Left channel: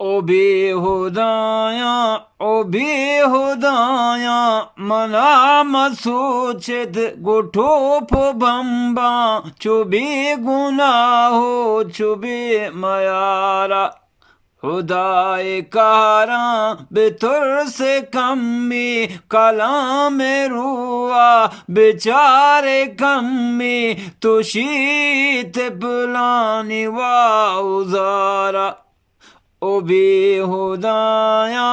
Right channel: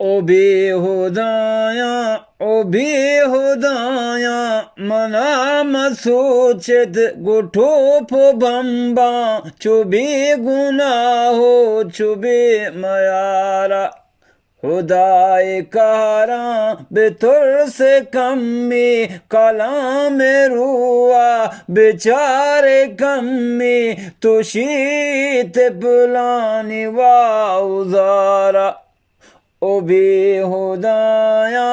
O behudayan, o behudayan, mana soçet guto po bamba, çubi gunaho, çubi mayara. खुदाए कारा बेतुर से कमी कलाम रुआ बेचारे कमी तो शीत बुलानी वाउजारा ओ बेहुदाया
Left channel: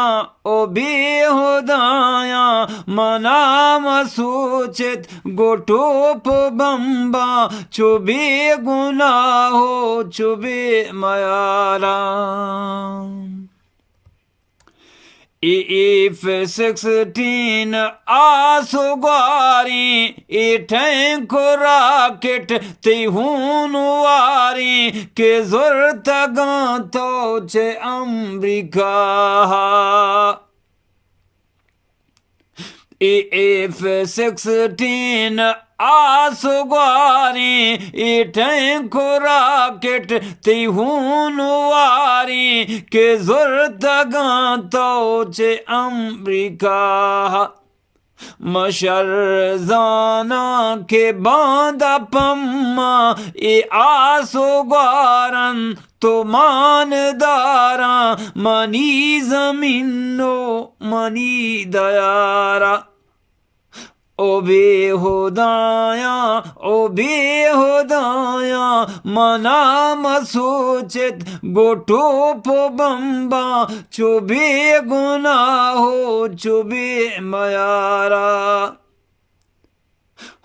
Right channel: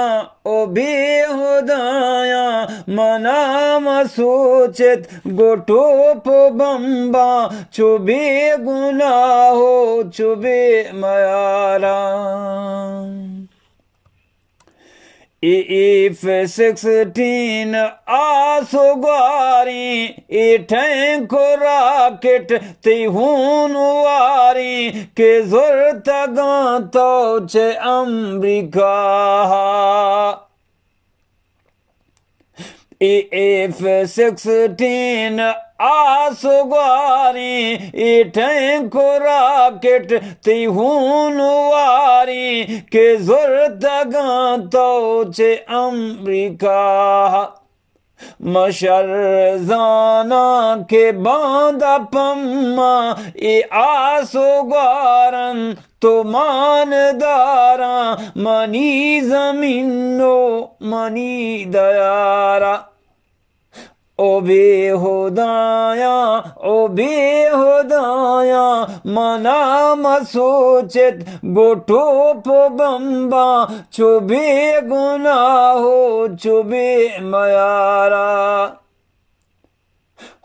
ओ बेहुदाया मना मसूचित गोटोप बम्बा चुबे गुनाहो चुबे मयारा If 16 asugwari iten korakit tihunwari ke zurtaganto che Amerika If 16 asugwari iten korakit tihunwari ke zurtaganto che Amerika मशरजाना के बांदा पम्मा ए आसोगारन तो मानदारा मनी जमीनो मनी दयारा ओ बेहुदाया मना मसूचित गोटोप बम्बा चुबे गुनाहो चुबे मयारा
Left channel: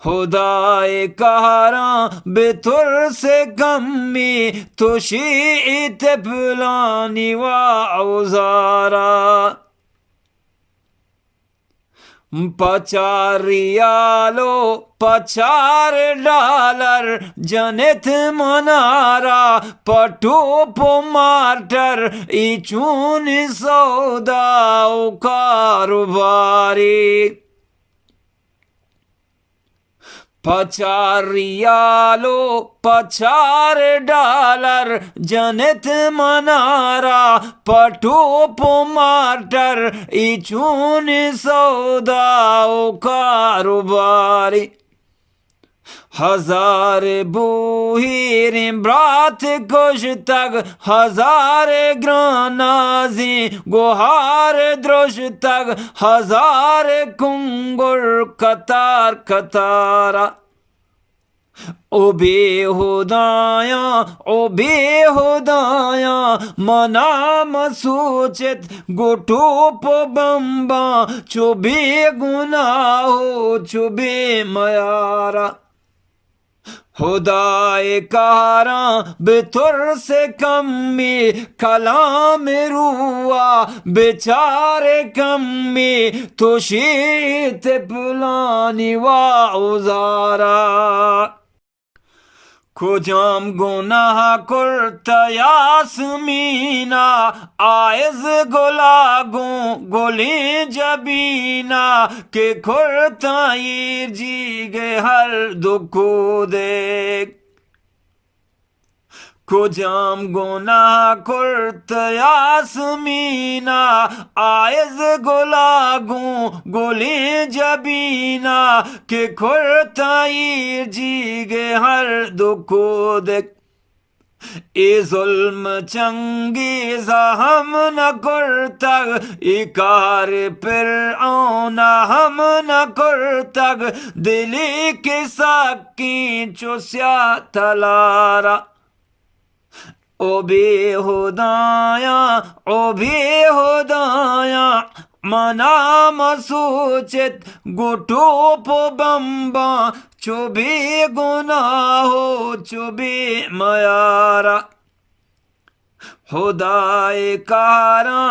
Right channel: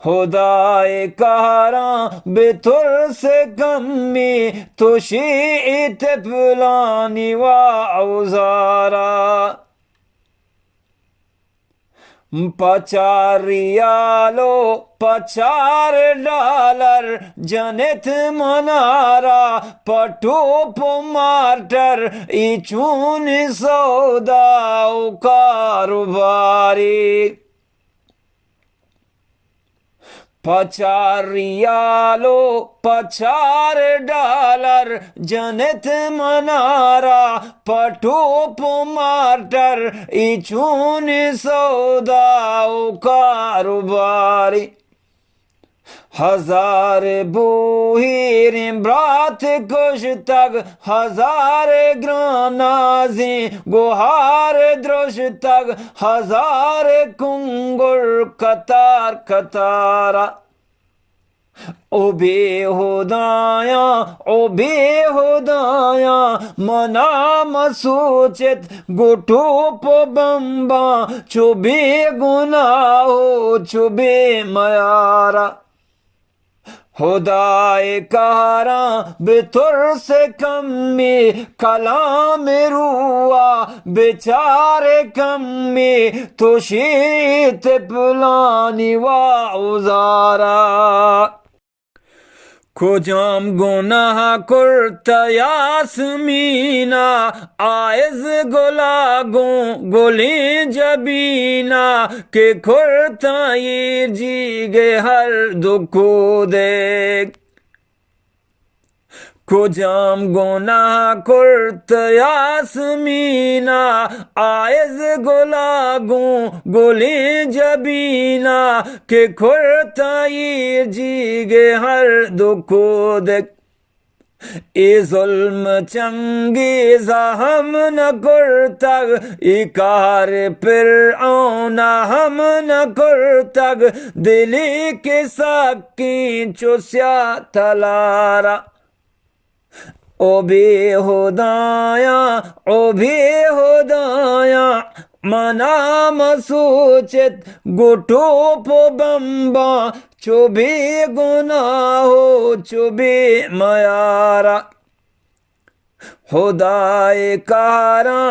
खुदाए कहरा बेतुर से कमी तुशीत पुलानी वा औजारा पचारियालो $50 जनित मनारा पटोप मार्टर इचून सौदाओ कारोबारी पचारियालो $50 जनित मनारा पटोप मार्टर इचून सौदाओ कारोबारी हजार बूहीर ब्रात कुश तक हजार ग्रानाजी गुहार द्रोश तक हजार कुंगुर कतार कतारा ओ बेहुदाया मना मसूचित गुटोप बम्बा चुबे गुनाहो चुबे मयारा खुदाए कहरा बेतुर से कमी कलाम रुआ बेचारे कमी तुशीत पुलानी वाउजारा खुजाम गुनाह कुर्ता यासमीना आयज गुलागों गोली जबीना के कुर्ता ये जीगे हर दुखो देख खुजाम गुनाह कुर्ता यासमीना आयज गुलागों गोली जबीना के कुर्ता ये जीगे हर दुखो देख ए जुल्म चंगेज़ा हम न कुर्तग इकार फिर औना हम न कुर्तग दिली के साकी चुस्या तलारा ओ बेहुदाया मना मसूचित गुटोप बम्बा चुबे गुनाहो चुबे मयारा खुदाए कारा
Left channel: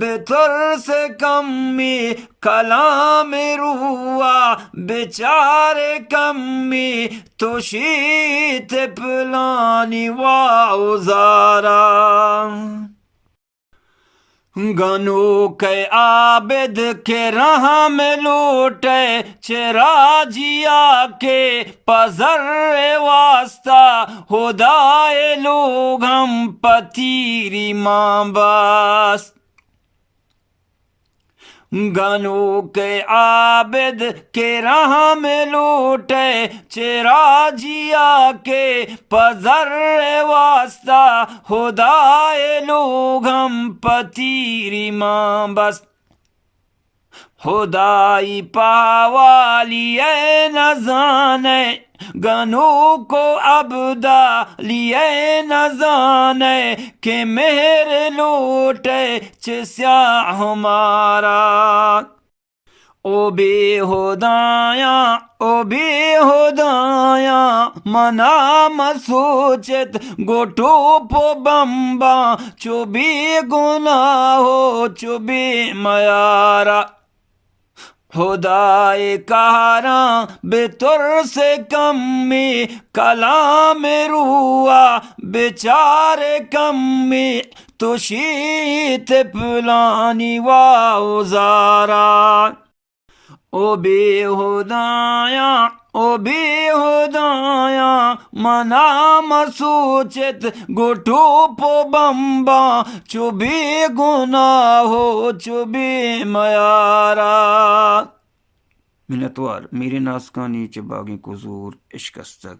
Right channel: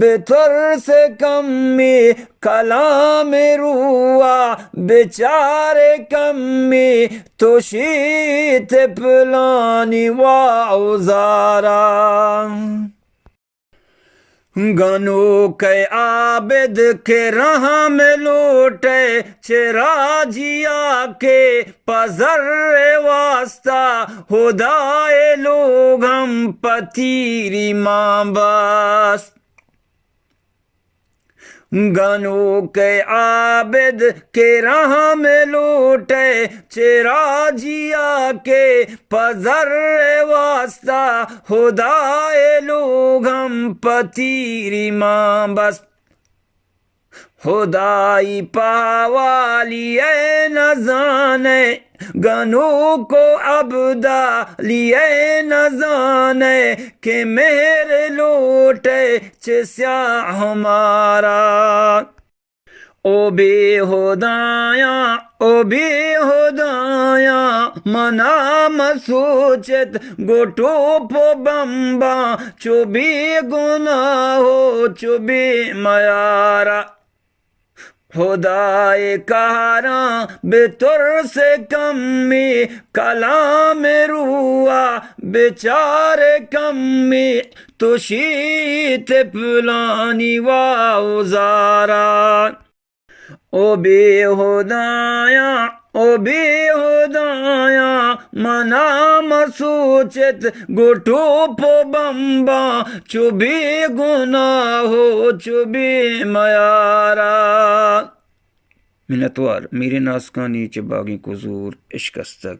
बेतुर से कमी कलाम रुआ बेचारे कमी तुशीत पुलानी वाउजारा गनो के आबिद के राह में लूटे चेरा जिया के पजर वास्ता खुदाए लोग हम पतीरी माँ बास। गनो के आबिद के राह में लूटे चेरा जिया के पजर वास्ता खुदाए लोग हम पतीरी माँ बस। खुदाई पावालिए न जाने गनों को अबदा लिए न जाने के मेरे लोटे चिस्या हमारा। ओ बेहुदाया मना मसूचित गोटो पो बम्बा चुबी गुनाहो चुबी मयारा। खुदाए कहारा बेतुर से कमी कलाम रुआ बेचारे कमी तुशीत पुलानी वाउजारा। ओ बेहुदाया मना मसूचित गुटू पो बम्बा चुबी गुनाहो चुबी मयारा। मिन्नतवार मेरे नासकानी च बागी कुजूर इश्कस्तक